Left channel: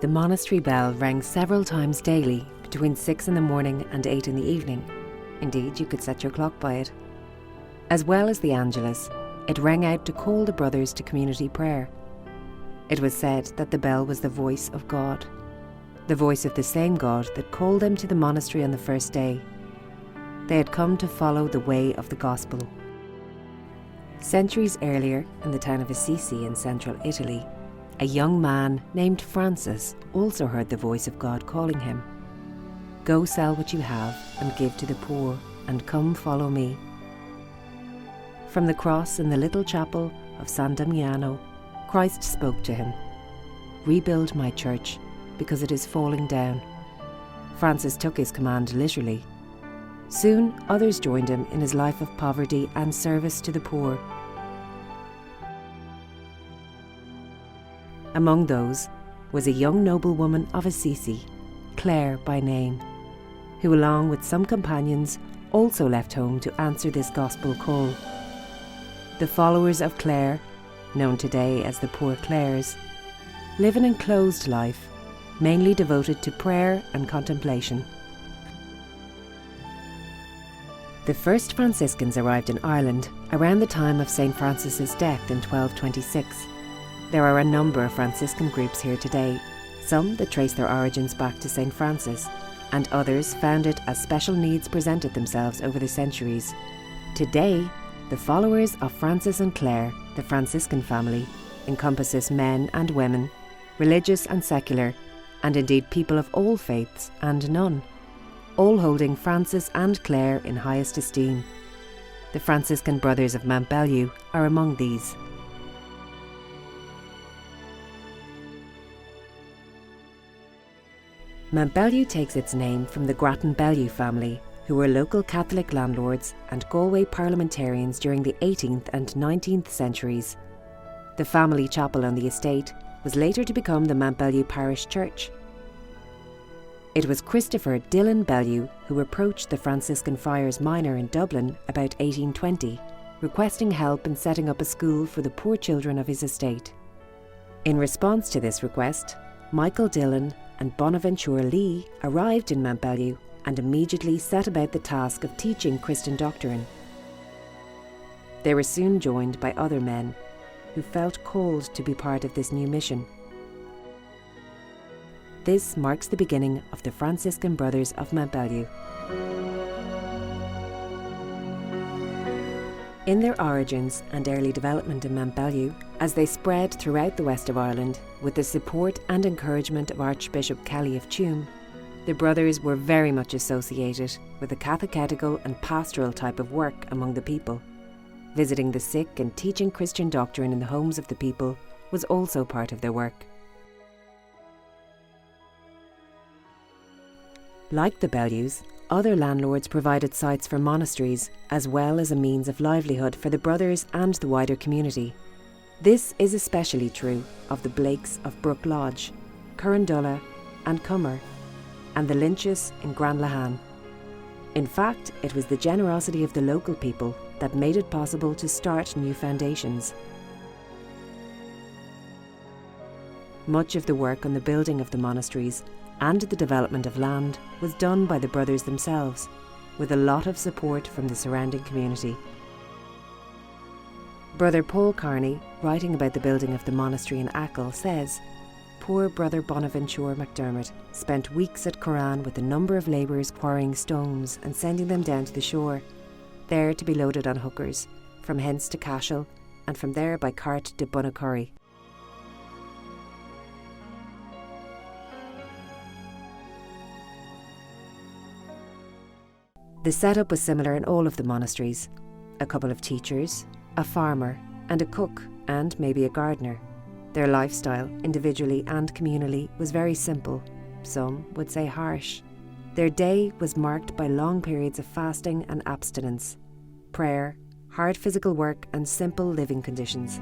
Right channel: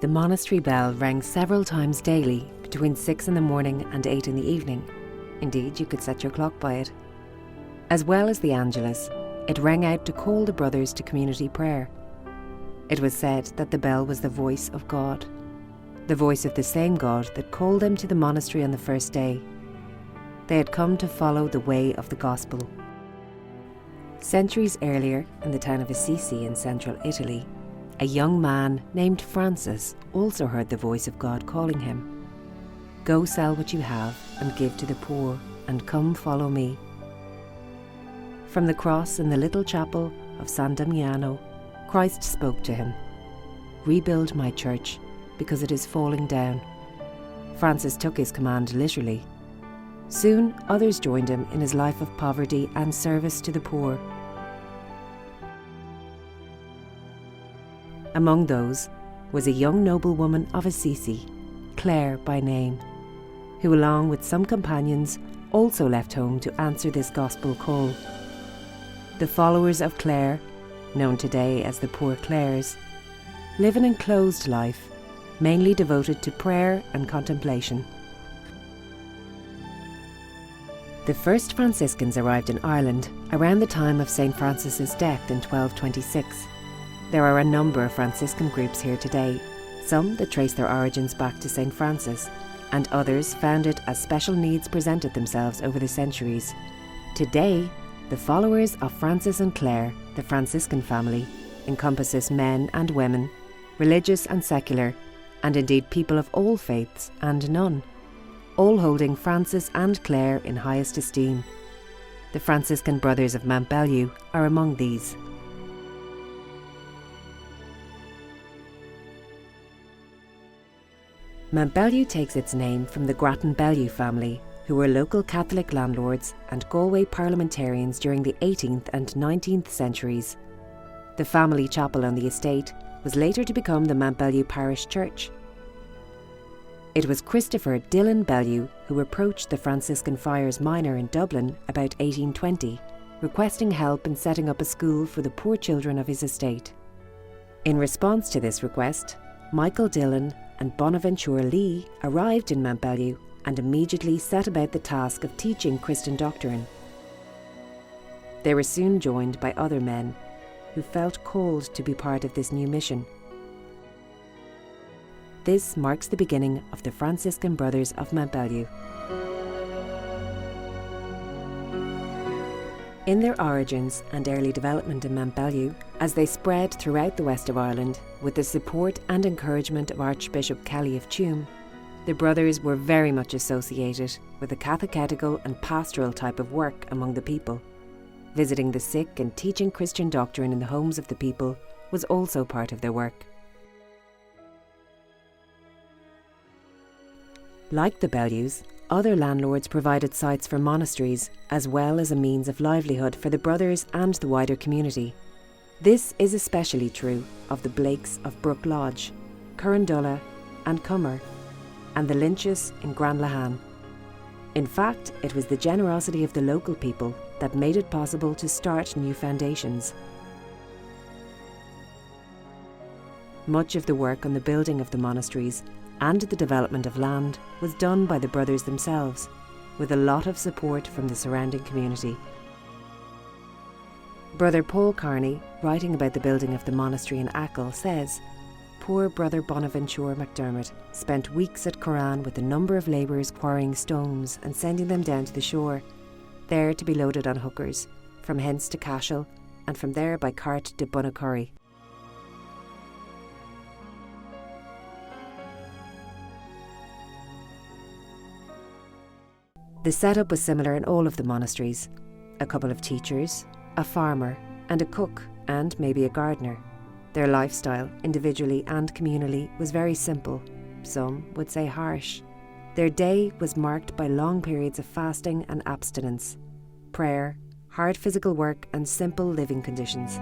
The monastery bell rang several times daily between 6 in the morning and 8 in the evening. Indeed, you could set your clock by it. As well as the Angelus, it rang out to call the brothers to community prayer. It was said that the bell was the voice of God, the voice of the same God that called them to the monastery on the first day. They had come to follow the way of the gospel. Centuries earlier, in the town of Assisi in central Italy, a young man named Francis also heard the voice of God calling him. "Go sell what you have and give to the poor, and come follow me." From the cross in the little chapel of San Damiano, Christ spoke to him, "Rebuild my church, because it is falling down." Francis took his command literally. Soon others joined him in his life of poverty and service to the poor. Among those was a young noblewoman of Assisi, Clare by name, who along with some companions also left home to answer this gospel call. The followers of Clare, known today as the Poor Clares, live an enclosed life, mainly devoted to prayer and contemplation. The first Franciscans arrived in Ireland around the time of St. Francis's death in 1226. There are a number of Franciscan groups here today, some that trace their origins back to St. Francis, and others founded as special needs presented themselves over the centuries. Today, the followers of Francis and Clare, the Franciscan family, encompasses men and women, religious and secular, and indeed people of all faiths and none, all holding Francis and Clare in highest esteem. The Franciscan Brothers of Mountbellew are among these. Mountbellew takes its name from the Grattan-Bellew family, who were local Catholic landlords and Galway parliamentarians during the 18th and 19th centuries. The family chapel on the estate was later to become the Mountbellew Parish Church. It was Christopher Dillon Bellew who approached the Franciscan Friars Minor in Dublin about 1820, requesting help in setting up a school for the poor children of his estate. In response to this request, Michael Dillon and Bonaventure Lee arrived in Mountbellew and immediately set about the task of teaching Christian doctrine. They were soon joined by other men who felt called to be part of this new mission. This marks the beginning of the Franciscan Brothers of Mountbellew. In their origins and early development in Mountbellew, as they spread throughout the west of Ireland with the support and encouragement of Archbishop Kelly of Tuam, the brothers were very much associated with the catechetical and pastoral type of work among the people. Visiting the sick and teaching Christian doctrine in the homes of the people was also part of their work. Like the Bellews, other landlords provided sites for monasteries as well as a means of livelihood for the brothers and the wider community. This is especially true of the Blakes of Brook Lodge, Currandulla and Cummer, and the Lynches in Granlahan. In fact, it was the generosity of the local people that made it possible to start new foundations. Much of the work on the building of the monasteries and the development of land was done by the brothers themselves, with a lot of support from the surrounding community. Brother Paul Carney, writing about the building of the monastery in Achill, says, "Poor Brother Bonaventure MacDermott spent weeks at Curran with a number of labourers quarrying stones and sending them down to the shore, there to be loaded on hookers, from hence to Cashel, and from there by cart to Bunnacurry." The setup was similar in all of the monasteries: a couple of teachers, a farmer, and a cook, and maybe a gardener. Their lifestyle, individually and communally, was very simple, some would say harsh. Their day was marked by long periods of fasting and abstinence, prayer, hard physical work, and simple living conditions.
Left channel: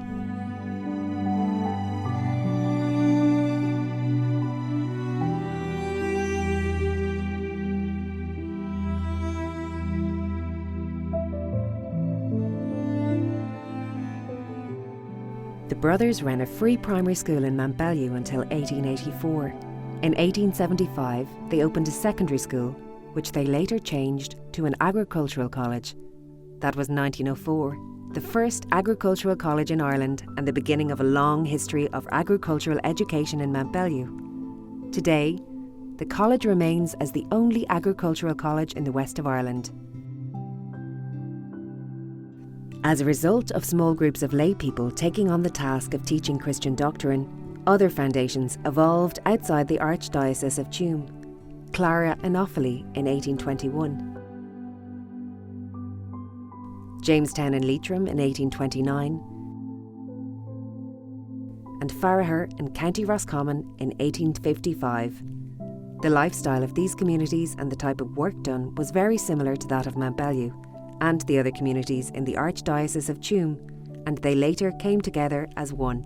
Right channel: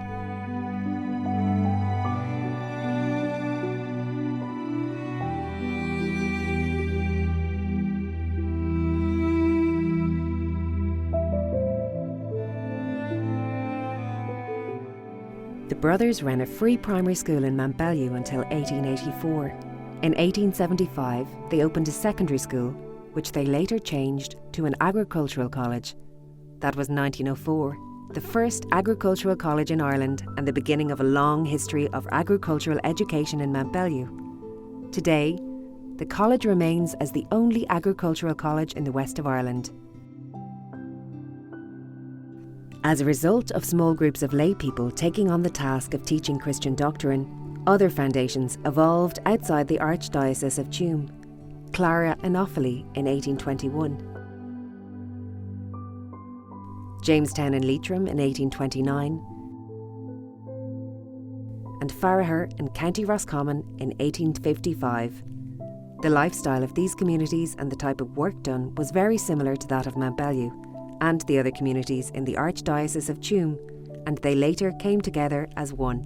The brothers ran a free primary school in Mountbellew until 1884. In 1875, they opened a secondary school, which they later changed to an agricultural college. That was 1904, the first agricultural college in Ireland and the beginning of a long history of agricultural education in Mountbellew. Today, the college remains as the only agricultural college in the west of Ireland. As a result of small groups of lay people taking on the task of teaching Christian doctrine, other foundations evolved outside the Archdiocese of Tuam. Clara Enophili in 1821. Jamestown and Leitrim in 1829, and Farragher in County Roscommon in 1855. The lifestyle of these communities and the type of work done was very similar to that of Mountbellew and the other communities in the Archdiocese of Tuam, and they later came together as one.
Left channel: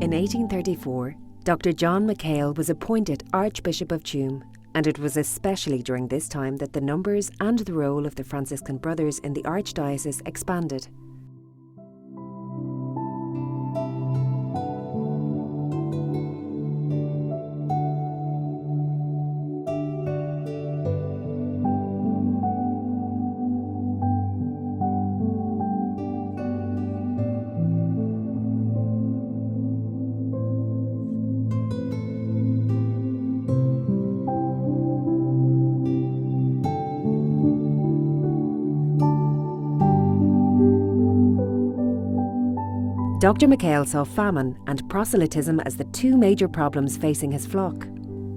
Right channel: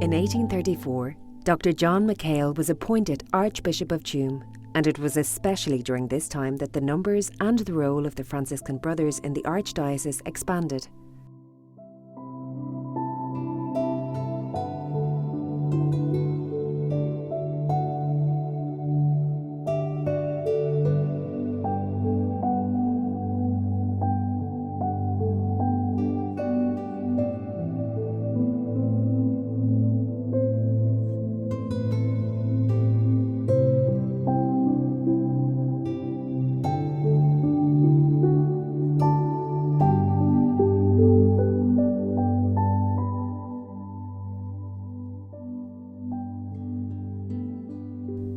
In 1834, Dr. John McHale was appointed Archbishop of Tuam, and it was especially during this time that the numbers and the role of the Franciscan Brothers in the Archdiocese expanded. Dr. McHale saw famine and proselytism as the two major problems facing his flock.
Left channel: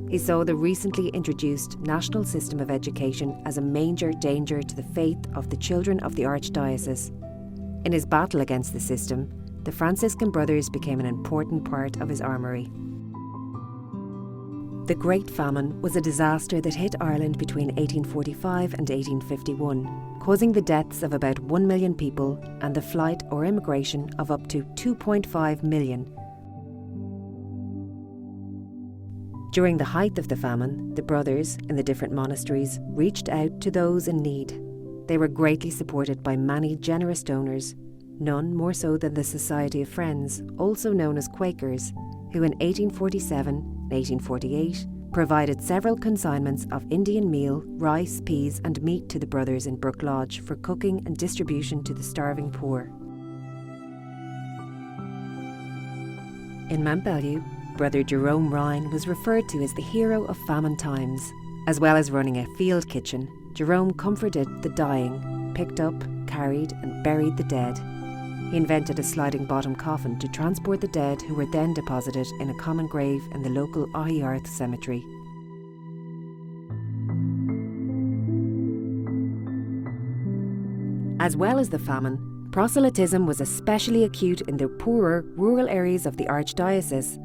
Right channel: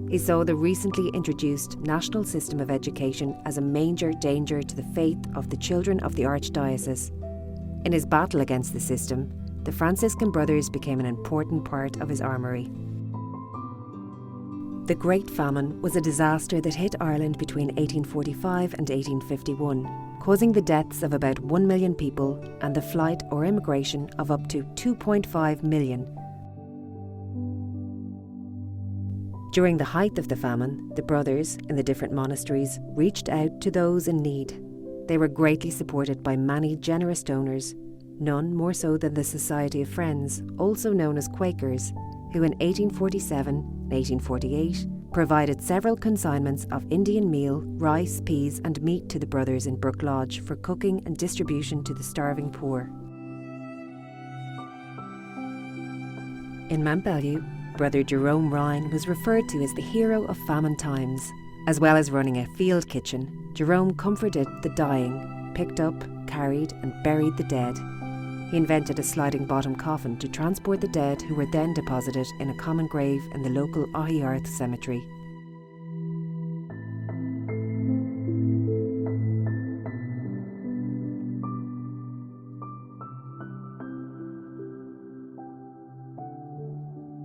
He saw the recently introduced national system of education as a major danger to the faith of the children of the Archdiocese. In his battle against the system, the Franciscan Brothers became an important part of his armoury. The Great Famine was a disaster that hit Ireland between 1845 and 1851, causing the deaths of about 1 million people and the flight or immigration of up to 2.5 million. During the height of the famine, the brothers in the different monasteries reached out to those in need. They were greatly supported by many generous donors, none more so than the Society of Friends, also known as Quakers, who in 1847 and 1848 provided several consignments of Indian meal, rice, peas and meat to the brothers in Brook Lodge for cooking and distribution to the starving poor. In Mountbellew, Brother Jerome Ryan was referred to as the hero of famine times. As well as running a field kitchen, Jerome comforted the dying, picked up, carried and buried the dead. He invented a sliding bottom coffin to transport the dead, who were then deposited in a common grave in the local Ahiarth cemetery. As well as the famine, proselytism was especially acute in the poorer rural areas of the Archdiocese,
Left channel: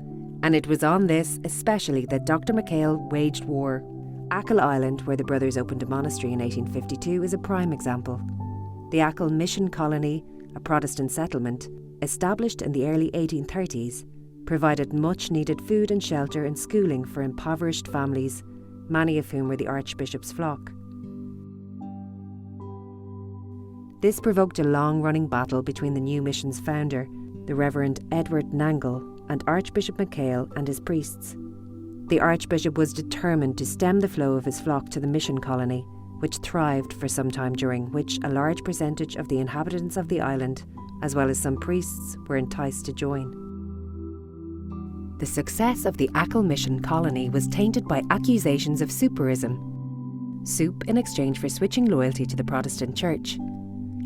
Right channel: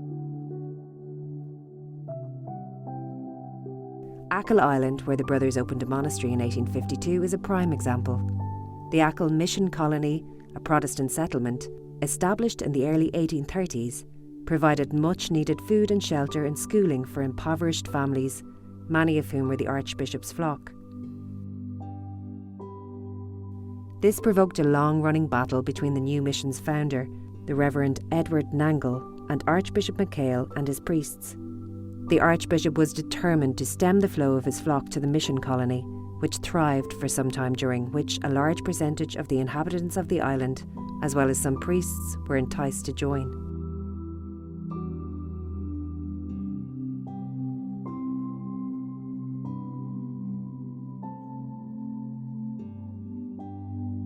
and it was on this especially that Dr. McHale waged war. Achill Island, where the brothers opened a monastery in 1852, is a prime example. The Achill Mission Colony, a Protestant settlement, established in the early 1830s, provided much needed food and shelter and schooling for impoverished families, many of whom were the Archbishop's flock. This provoked a long-running battle between the new mission's founder, the Reverend Edward Nangle, and Archbishop McHale and his priests. The Archbishop was determined to stem the flow of his flock to the mission colony, which thrived for some time, during which a large percentage of the inhabitants of the island, as well as some priests, were enticed to join. The success of the Achill Mission Colony was tainted by accusations of souperism, soup in exchange for switching loyalty to the Protestant Church.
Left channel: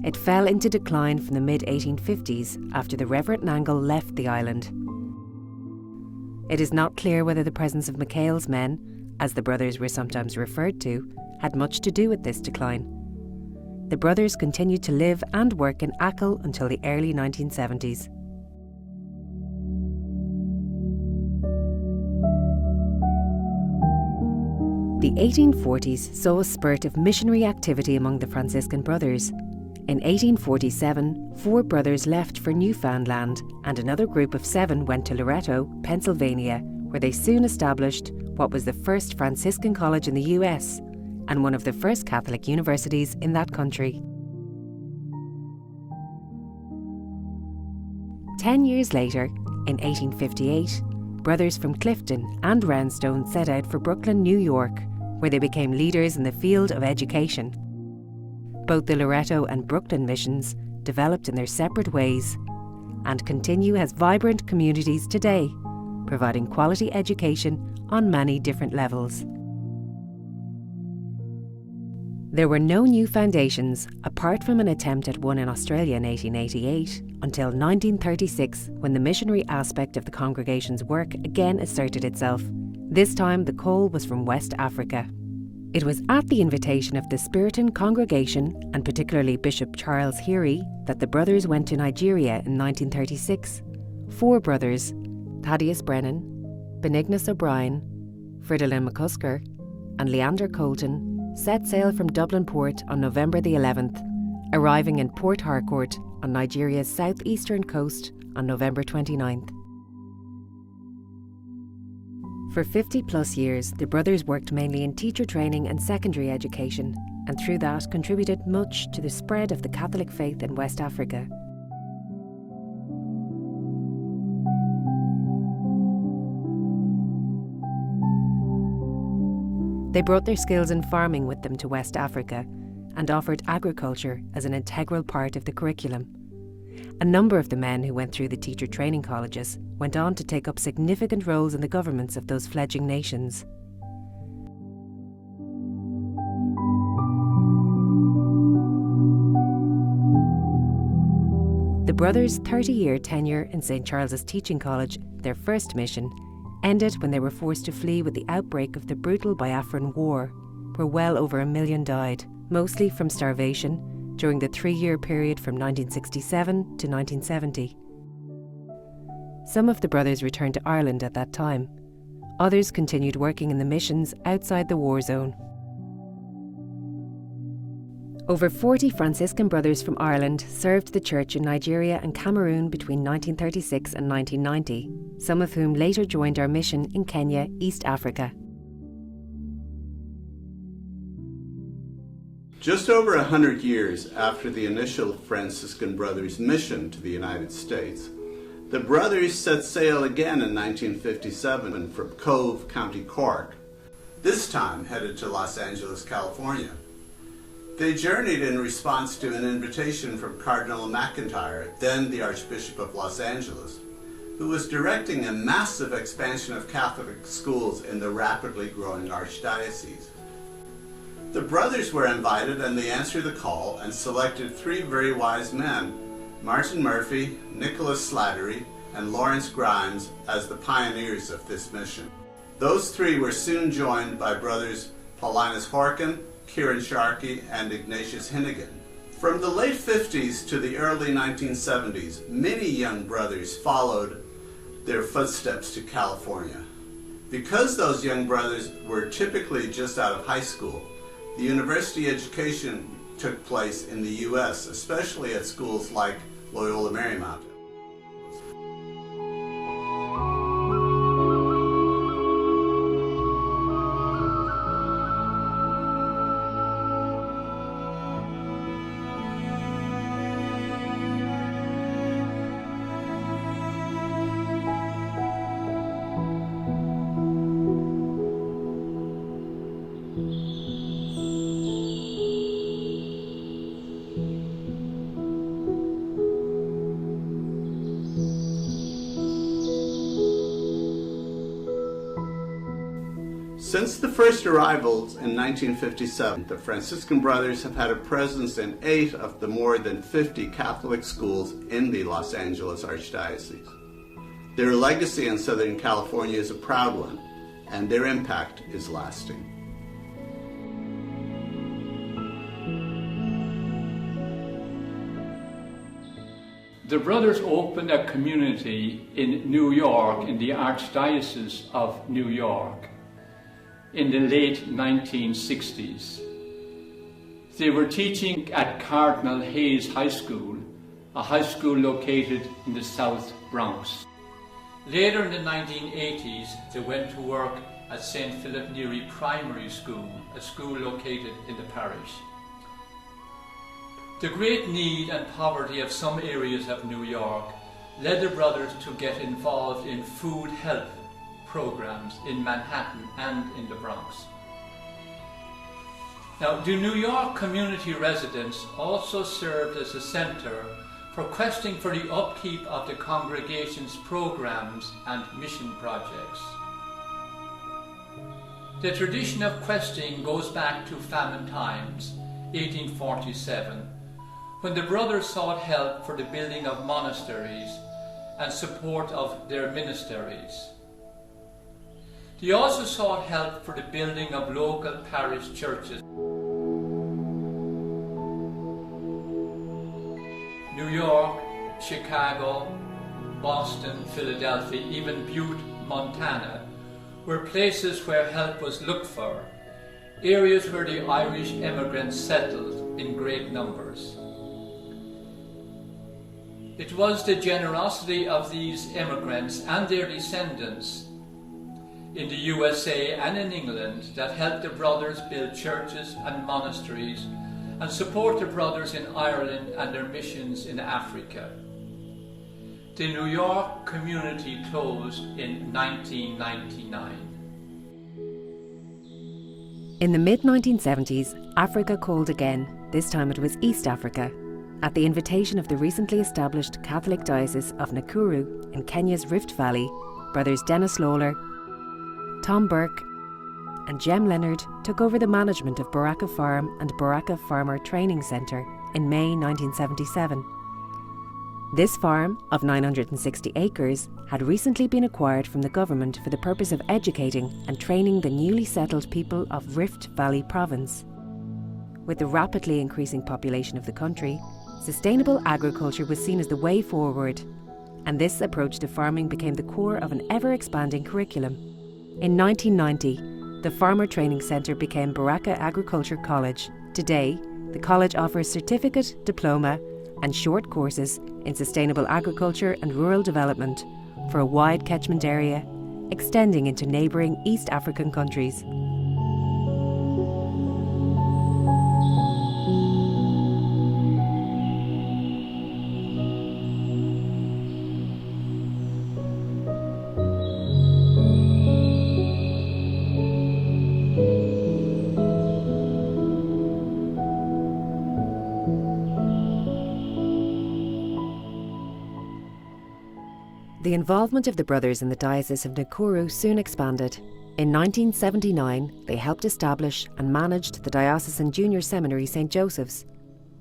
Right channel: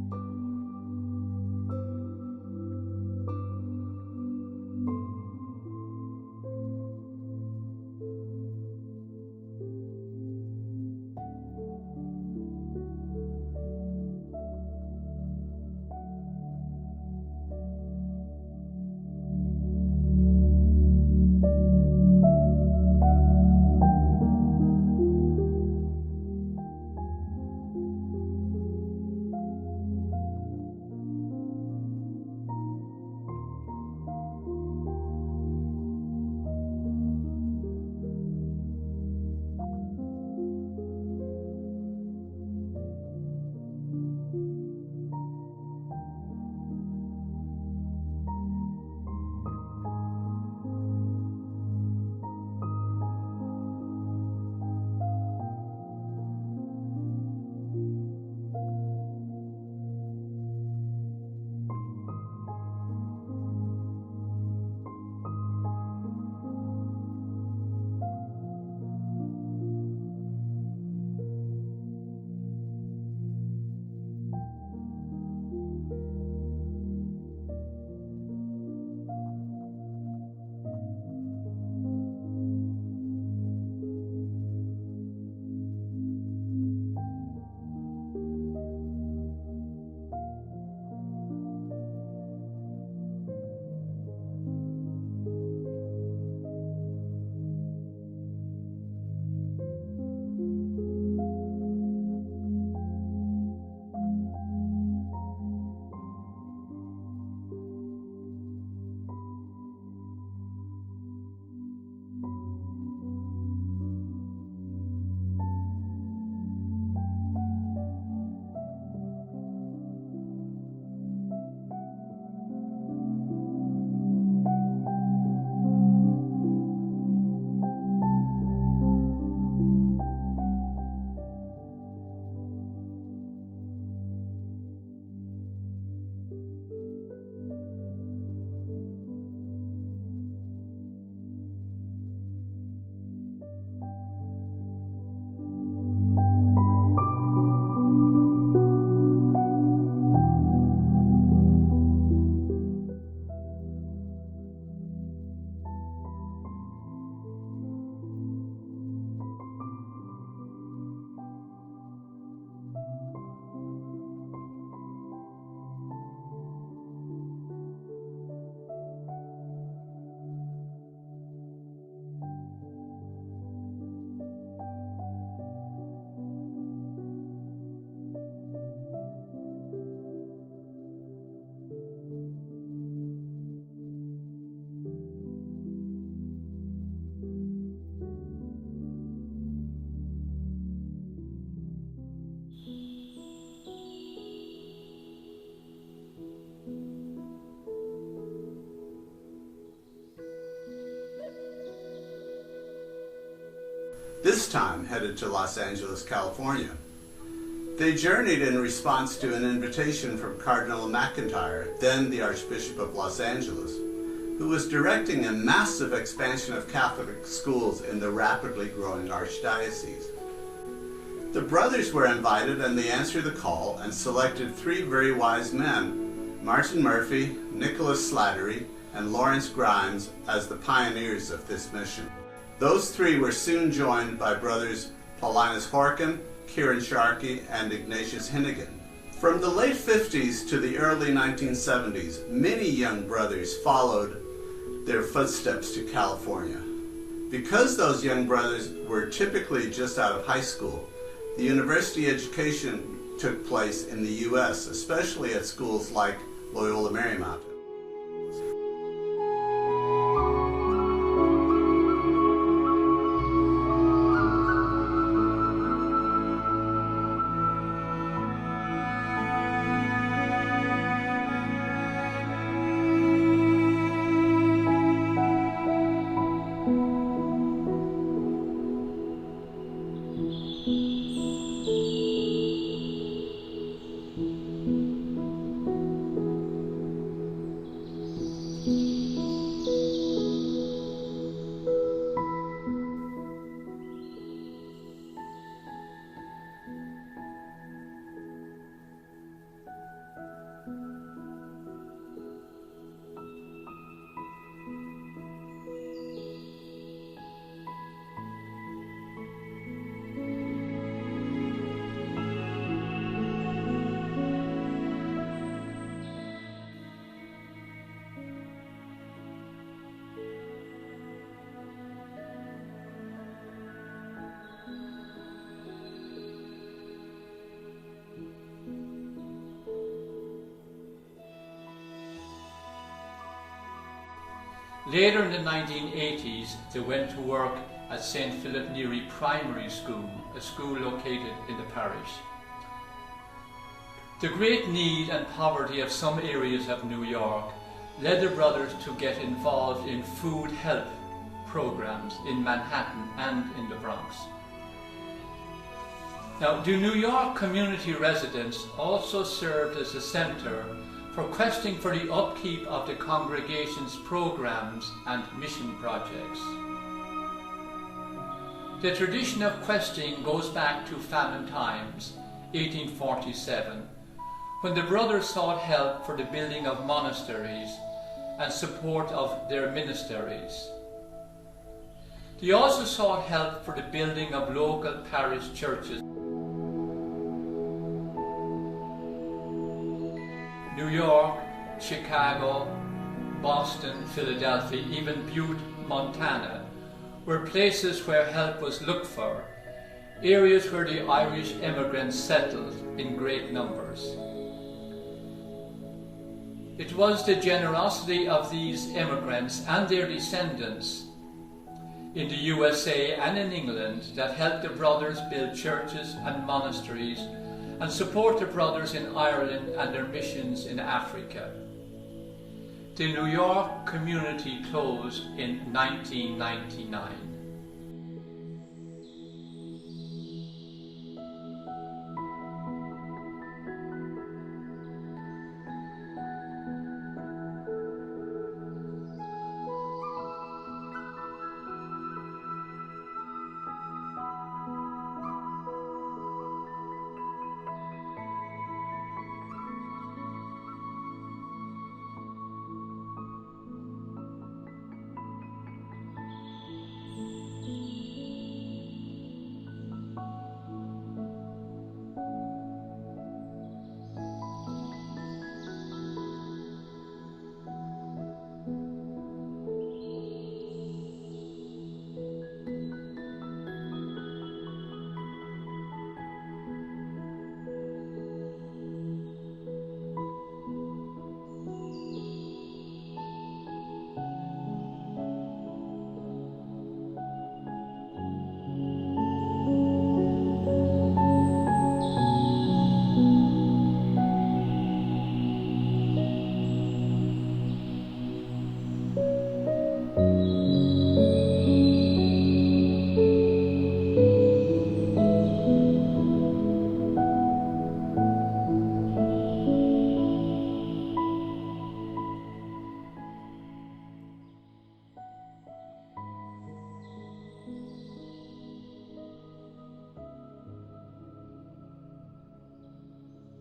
It fell into decline from the mid-1850s after the Reverend Nangle left the island. It is not clear whether the presence of McHale's men, as the brothers were sometimes referred to, had much to do with this decline. The brothers continued to live and work in Achill until the early 1970s. The 1840s saw a spurt of missionary activity among the Franciscan Brothers. In 1847, 4 brothers left for Newfoundland, and another group of 7 went to Loretto, Pennsylvania, where they soon established what was the first Franciscan college in the US, and one of the first Catholic universities in that country. 10 years later, in 1858, brothers from Clifton and Roundstone set out for Brooklyn, New York, where they became leaders in the field of education. Both the Loretto and Brooklyn missions developed in their separate ways and continue as vibrant communities today, providing quality education on many different levels. There were no new foundations, apart from an attempt at one in Australia in 1888, until 1936, when the missionary aspect of the congregation's work again asserted itself. This time the call was from West Africa. It was at the invitation of the Spiritan congregation, and particularly Bishop Charles Heery, that the brothers went to Nigeria in 1936. 4 brothers, Thaddeus Brennan, Benignus O'Brien, Fridolin McCusker, and Leander Colton, set sail from Dublin port on November the 11th, arriving in Port Harcourt on Nigeria's southeastern coast on November 29th. For 50 plus years, the brothers worked mainly in teacher training and secondary education, and through that contributed much to the spread of the Catholic faith in West Africa. They brought their skills in farming with them to West Africa and offered agriculture as an integral part of the curriculum. A number of the men who went through the teacher training colleges went on to take up significant roles in the governments of those fledgling nations. The brothers' 30-year tenure in St. Charles's Teaching College, their first mission, ended when they were forced to flee with the outbreak of the brutal Biafran War, where well over 1 million died, mostly from starvation, during the 3-year period from 1967 to 1970. Some of the brothers returned to Ireland at that time. Others continued working in the missions outside the war zone. Over 40 Franciscan brothers from Ireland served the church in Nigeria and Cameroon between 1936 and 1990, some of whom later joined our mission in Kenya, East Africa. Just over 100 years after the initial Franciscan Brothers' mission to the United States, the brothers set sail again in 1957 from Cove, County Cork, this time headed to Los Angeles, California. They journeyed in response to an invitation from Cardinal McIntyre, then the Archbishop of Los Angeles, who was directing a massive expansion of Catholic schools in the rapidly growing archdiocese. The brothers were invited, and they answered the call and selected 3 very wise men, Martin Murphy, Nicholas Slattery, and Lawrence Grimes, as the pioneers of this mission. Those 3 were soon joined by brothers Paulinus Horkin, Kieran Sharkey, and Ignatius Hinnigan. From the late 50s to the early 1970s, many young brothers followed their footsteps to California. Because those young brothers were typically just out of high school, the university education took place in the U.S., especially at schools like Loyola Marymount. Since the first arrivals in 1957, the Franciscan Brothers have had a presence in 8 of the more than 50 Catholic schools in the Los Angeles Archdiocese. Their legacy in Southern California is a proud one, and their impact is lasting. The brothers opened a community in New York, in the Archdiocese of New York, in the late 1960s. They were teaching at Cardinal Hayes High School, a high school located in the South Bronx. Later in the 1980s, they went to work at St. Philip Neri Primary School, a school located in the parish. The great need and poverty of some areas of New York led the brothers to get involved in food help programs in Manhattan and in the Bronx. Now, the New York community residence also served as a center for questing for the upkeep of the congregation's programs and mission projects. The tradition of questing goes back to famine times, 1847, when the brothers sought help for the building of monasteries and support of their ministries. They also sought help for the building of local parish churches. New York, Chicago, Boston, Philadelphia, even Butte, Montana, were places where help was looked for, areas where the Irish immigrants settled in great numbers. It was the generosity of these immigrants and their descendants in the USA and in England that helped the brothers build churches and monasteries and support the brothers in Ireland and their missions in Africa. The New York community closed in 1999. In the mid-1970s, Africa called again. This time it was East Africa, at the invitation of the recently established Catholic Diocese of Nakuru in Kenya's Rift Valley. Brothers Dennis Lawler, Tom Burke and Jem Leonard took over the management of Baraka Farm and Baraka Farmer Training Centre in May 1977. This farm, of 960 acres, had recently been acquired from the government for the purpose of educating and training the newly settled people of Rift Valley Province. With the rapidly increasing population of the country, sustainable agriculture was seen as the way forward, and this approach to farming became the core of an ever-expanding curriculum. In 1990, the Farmer Training Centre became Baraka Agriculture College. Today, the college offers certificate, diploma and short courses in sustainable agriculture and rural development for a wide catchment area, extending into neighbouring East African countries. The involvement of the brothers in the Diocese of Nakuru soon expanded. In 1979, they helped establish and managed the Diocesan Junior Seminary St. Joseph's.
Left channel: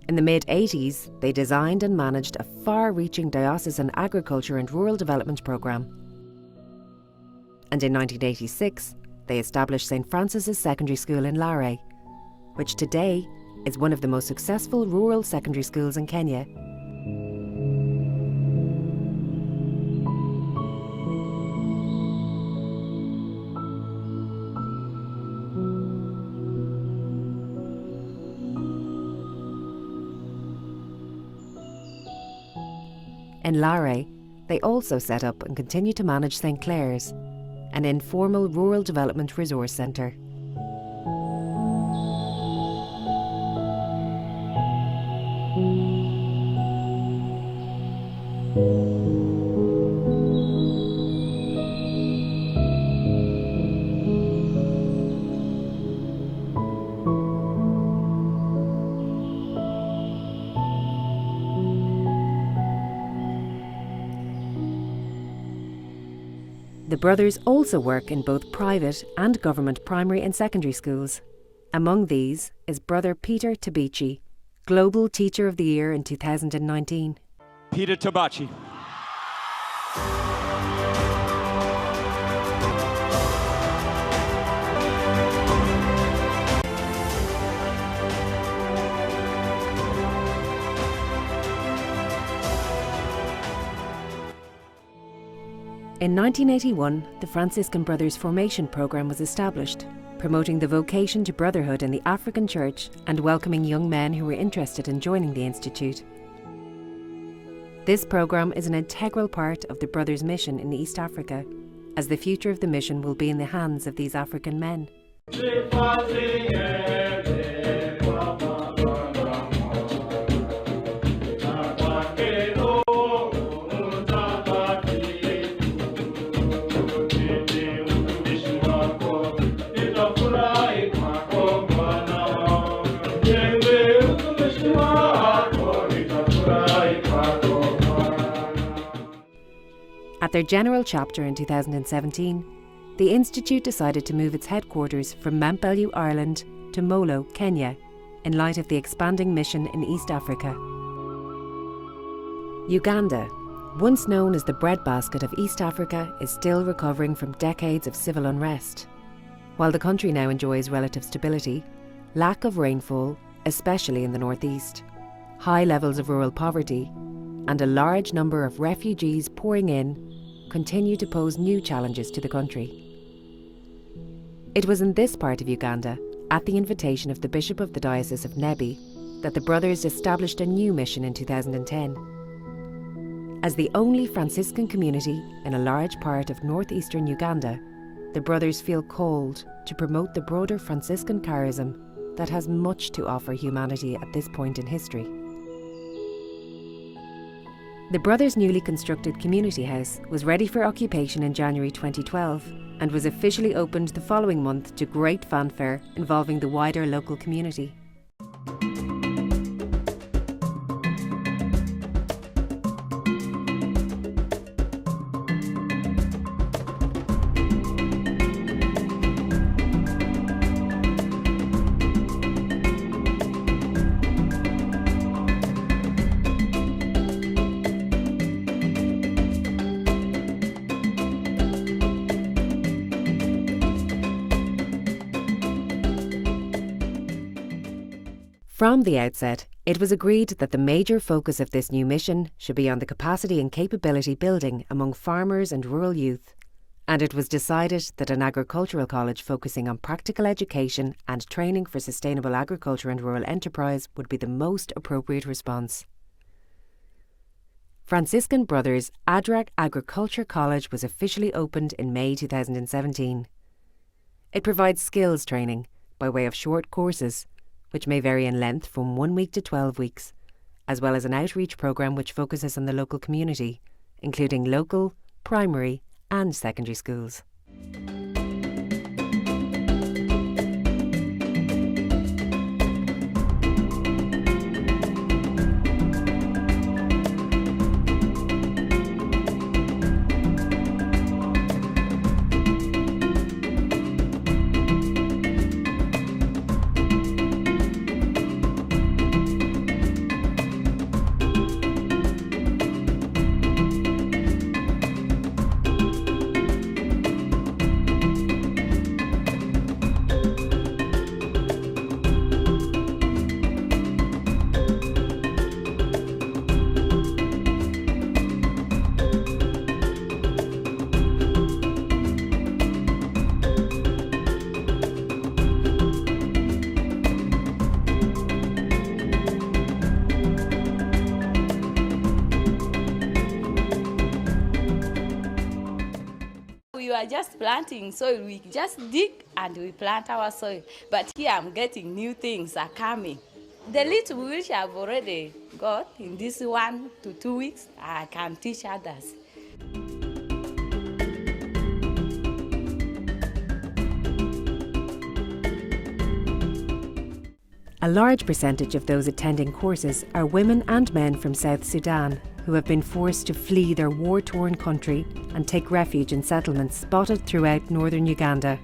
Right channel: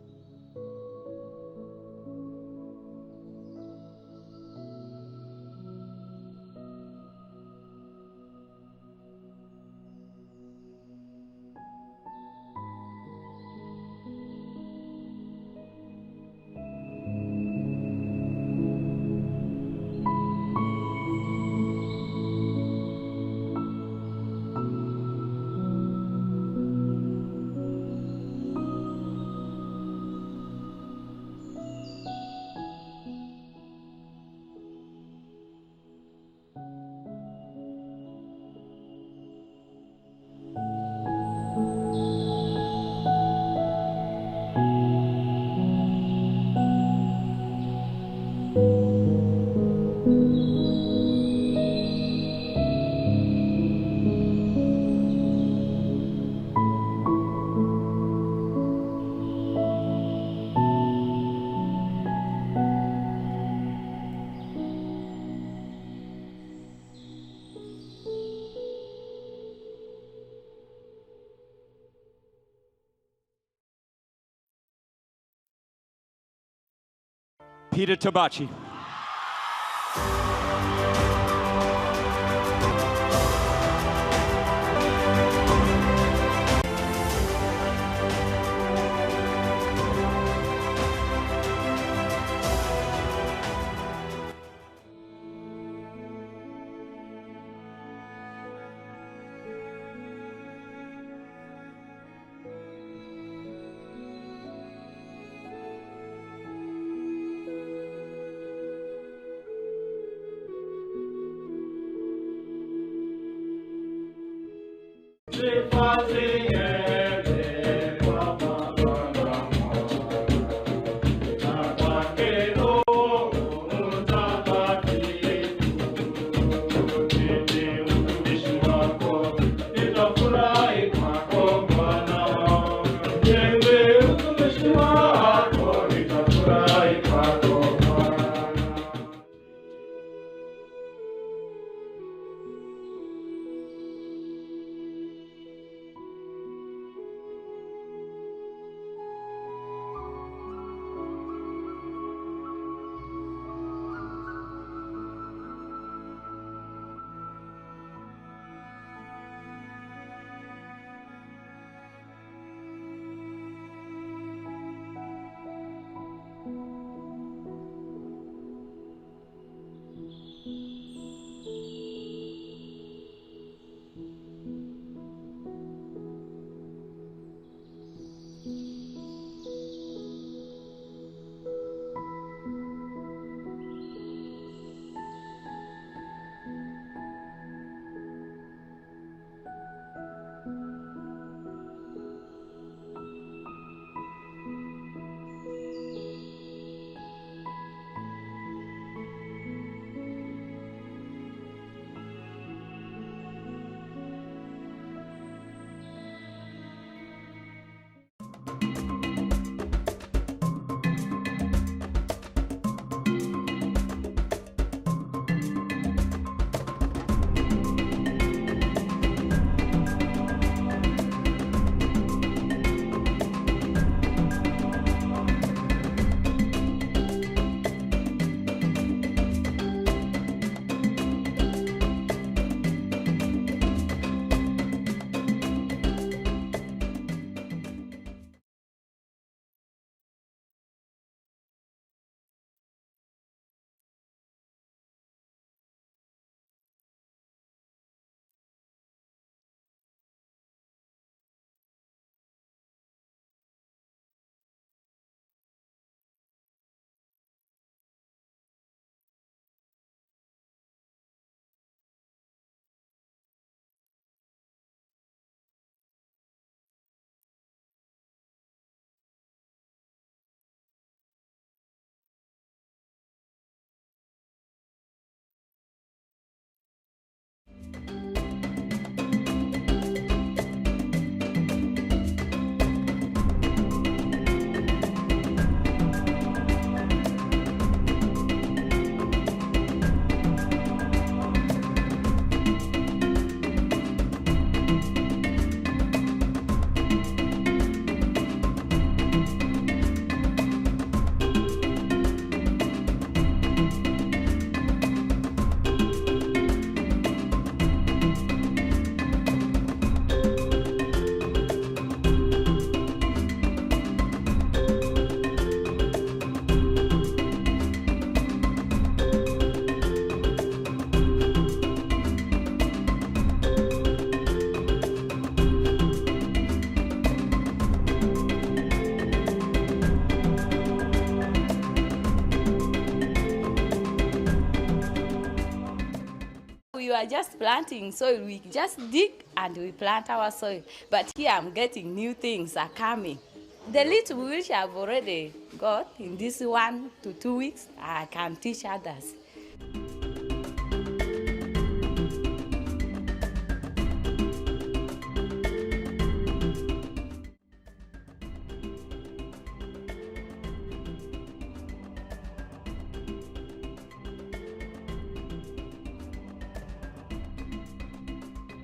In the mid-80s, they designed and managed a far-reaching diocesan agriculture and rural development programme. And in 1986, they established St. Francis's Secondary School in Lare, which today is one of the most successful rural secondary schools in Kenya. In Lare, they also set up and continue to manage St. Clair's, an informal rural development resource centre. The brothers also work in both private and government primary and secondary schools. Among these is brother Peter Tabichi, Global Teacher of the Year in 2019. Peter Tabachi. In 1981, the Franciscan Brothers Formation Program was established, promoting the vocation to brotherhood in the African Church and welcoming young men who were interested in joining the institute. This programme is an integral part of the Brothers' mission in East Africa, as the future of the mission will be in the hands of these African men. At their general chapter in 2017, the Institute decided to move its headquarters from Mountbellew, Ireland to Molo, Kenya, in light of the expanding mission in East Africa. Uganda, once known as the breadbasket of East Africa, is still recovering from decades of civil unrest. While the country now enjoys relative stability, lack of rainfall, especially in the northeast, high levels of rural poverty, and a large number of refugees pouring in continue to pose new challenges to the country. It was in this part of Uganda, at the invitation of the Bishop of the Diocese of Nebi, that the Brothers established a new mission in 2010. As the only Franciscan community in a large part of northeastern Uganda, the Brothers feel called to promote the broader Franciscan charism that has much to offer humanity at this point in history. The Brothers' newly constructed community house was ready for occupation in January 2012 and was officially opened the following month to great fanfare involving the wider local community. From the outset, it was agreed that the major focus of this new mission should be on the capacity and capability building among farmers and rural youth, and it was decided that an agricultural college focusing on practical education and training for sustainable agriculture and rural enterprise would be the most appropriate response. Franciscan Brothers Adrak Agriculture College was officially opened in May 2017. It provides skills training by way of short courses, which may vary in length from 1 week to 12 weeks, as well as an outreach programme which focuses on the local community, including local, primary and secondary schools. We are just planting soil. We just dig and we plant our soil. But here I'm getting new things are coming. The little which I've already got in this 1 to 2 weeks, I can teach others. A large percentage of those attending courses are women and men from South Sudan who have been forced to flee their war-torn country and take refuge in settlements spotted throughout northern Uganda.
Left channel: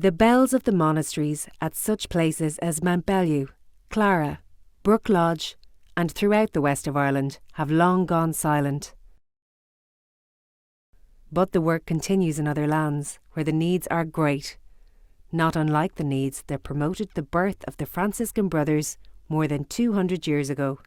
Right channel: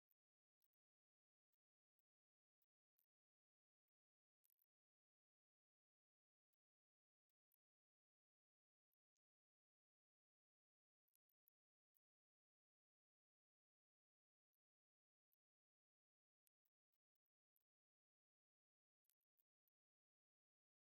The bells of the monasteries at such places as Mountbellew, Clara, Brook Lodge, and throughout the west of Ireland have long gone silent. But the work continues in other lands, where the needs are great, not unlike the needs that promoted the birth of the Franciscan Brothers more than 200 years ago.